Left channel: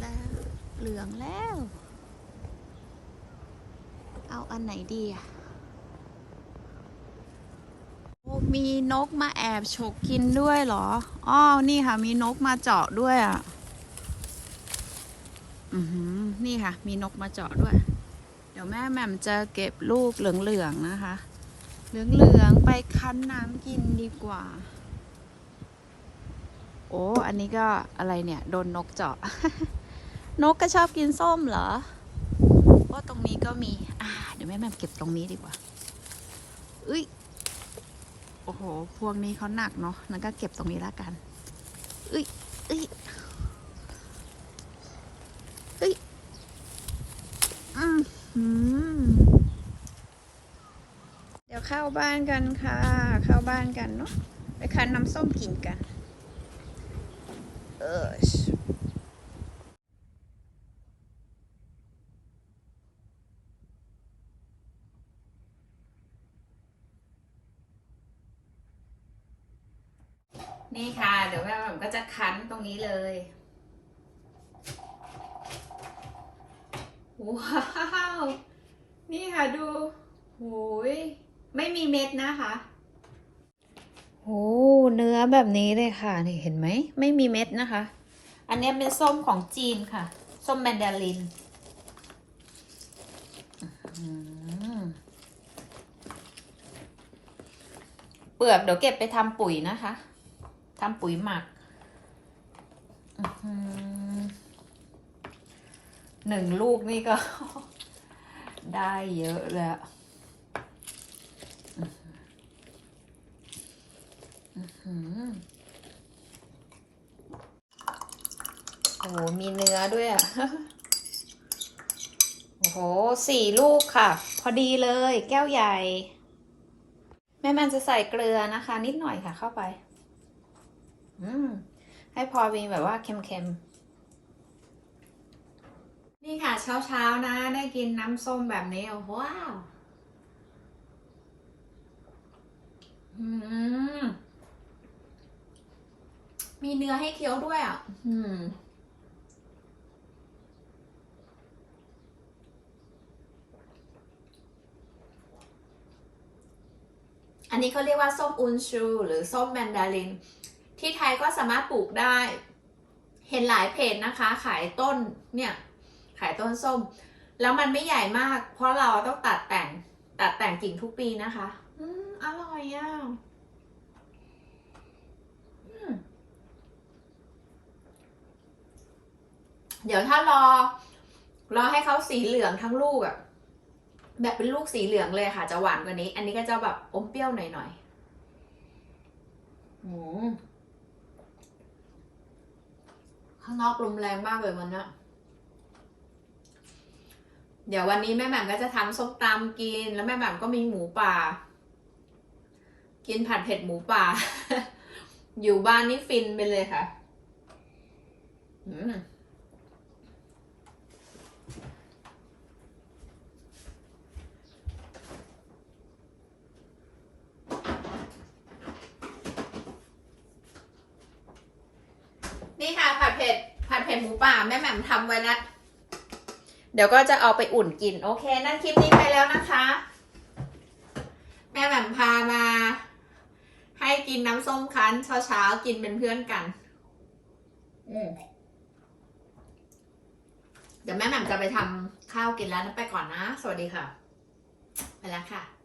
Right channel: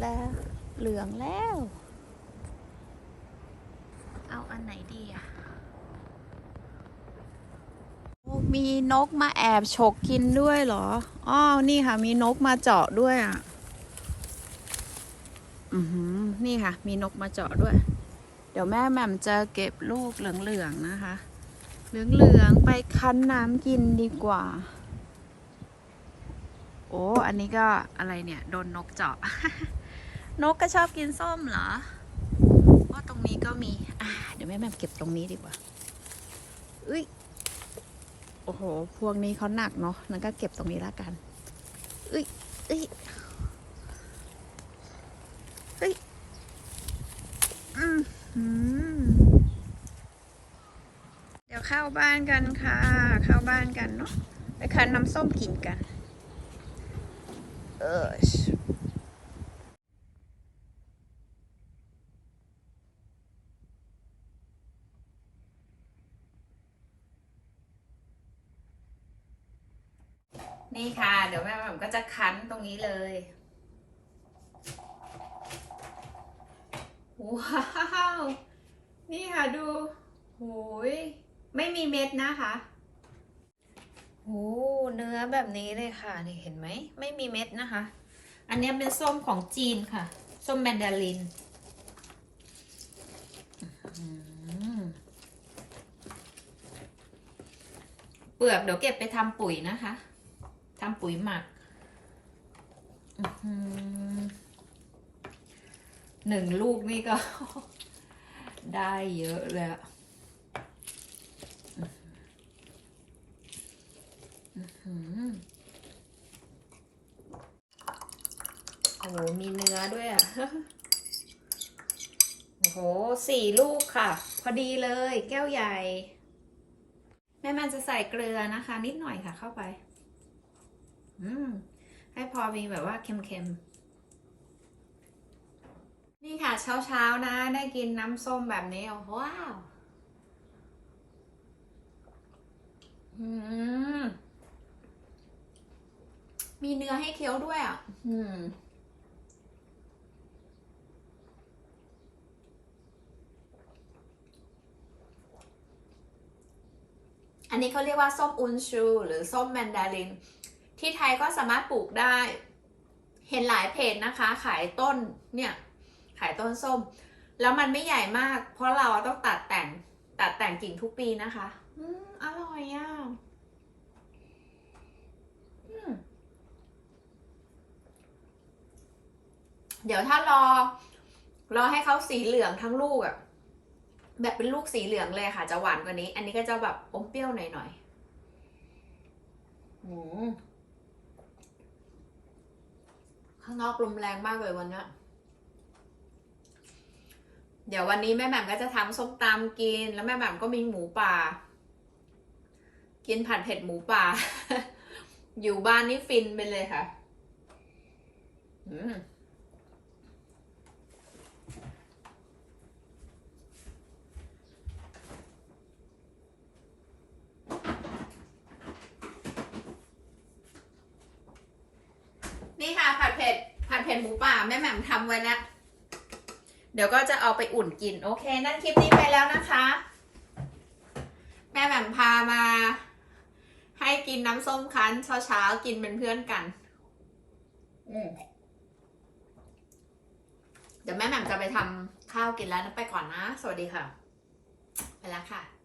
แล้ว เหลืองแล้ว เอาอันไหนดีอะมีนกมาแอบฉกกินด้วยเหรอ อ้าวนี่ค่ะ มีนกมาเจาะด้วยอะ อือหือ นี่ค่ะ มีนกมาเจาะด้วย เดี๋ยวแม่แหม่มจะเก็บลูกเหลืองๆนะคะ เหลืองๆไปคั้นน้ำกินดีกว่า โอ้ อันนี้ก็อะไรเนี่ย โดนนกเจาะ นกก็ชอบกินส้มเหรอว่าตรงนี้ก็มีอ่าเดี๋ยวแม่แม่เก็บตรงนี้ดีกว่าอุ้ยโอ้โห พวงนี้เขาหนักเนาะนั่นก็เก็บตรงนี้ละกันอุ้ยอุ้ยอุ้ยอืมหืมเดี๋ยวเข้าบ้านกันค่ะ เข้าบ้านกันเนาะไปคันน้ำส้มกินกัน เออ นี่ค่ะ เดี๋ยวแม่แมก็จะคั้นตรงนี้เลยว้าว นี่ค่ะดูโหยไม่มีเม็ดนะคะโอ้เนื้อแบบนี้เลยค่ะ นี่เห็นไหม ไม่มีเม็ดนะคะ อันนี้เป็นส้มของจีนค่ะ ส้มแมนดารินเปลือกเดี๋ยวเก็บไปทำปุ๋ยนะคะ ทำปุ๋ยหมักหนึ่งลูกนี่ก็ ได้เยอะเลยอะอื้อหือโอ้โห มีเนื้อด้วยอะ โอ้โห สี่ลูกค่ะ พอดีเลย แก้วใหญ่ แม่มันจะใส่เกลือนะคะ นิดหน่อยค่ะเข้าไป อืมให้พอมีแบบว่าเค็มๆ นี่ค่ะเช้าๆนะ ได้กินน้ำส้มแบบนี้ ว้าว อืม มีเนื้อให้เคี้ยวด้วยอะ อืมอันนี้เขาเรียกว่าส้มอุนชู หรือส้มแมนดาริน ที่ไทยก็สามารถปลูกได้ เห็นหลายเพจนะคะ ขายต้นเนี่ยขายต้นส้ม แล้วมันไม่ใหญ่มาก เพราะเราต้องตัดแต่งตัดแต่งกิ่งทุกปีนะคะอืมอร่อยอะอืมเดี๋ยวถ้ารอ รอให้เขาสีเหลืองทั้งลูกอะแบบเป็นลูกสีเหลืองเลยค่ะ จะหวานกว่านี้ อันนี้ก็จะแบบอมเปรี้ยวหน่อยๆอืม ข้างนอกลมแรงมากเลยวันนี้เดี๋ยววันนี้แม่แหม่มก็จะทำส้มตำกิน แล้วแม่แหม่มก็มีหมูป่า กินผัดเผ็ดหมูป่า อยู่บ้านนี่ฟินไปเลยค่ะ อืม นี่ค่ะผัดเผ็ดผัดเผ็ดหมูป่าแม่แหม่มทำไว้แล้วเดี๋ยวก็จะเอาไปอุ่นกิน โอเค นั่นคลิปนี้ไปแล้วนะคะ แม่แหม่มพามา ให้กินน้ำส้มคั้นเช้าๆกินเป็นเพื่อนกัน อืมเดี๋ยวแม่แหม่มจะไปทำข้าวกินแล้วนะไปก่อนนะ สวัสดีค่ะ ไปแล้วค่ะ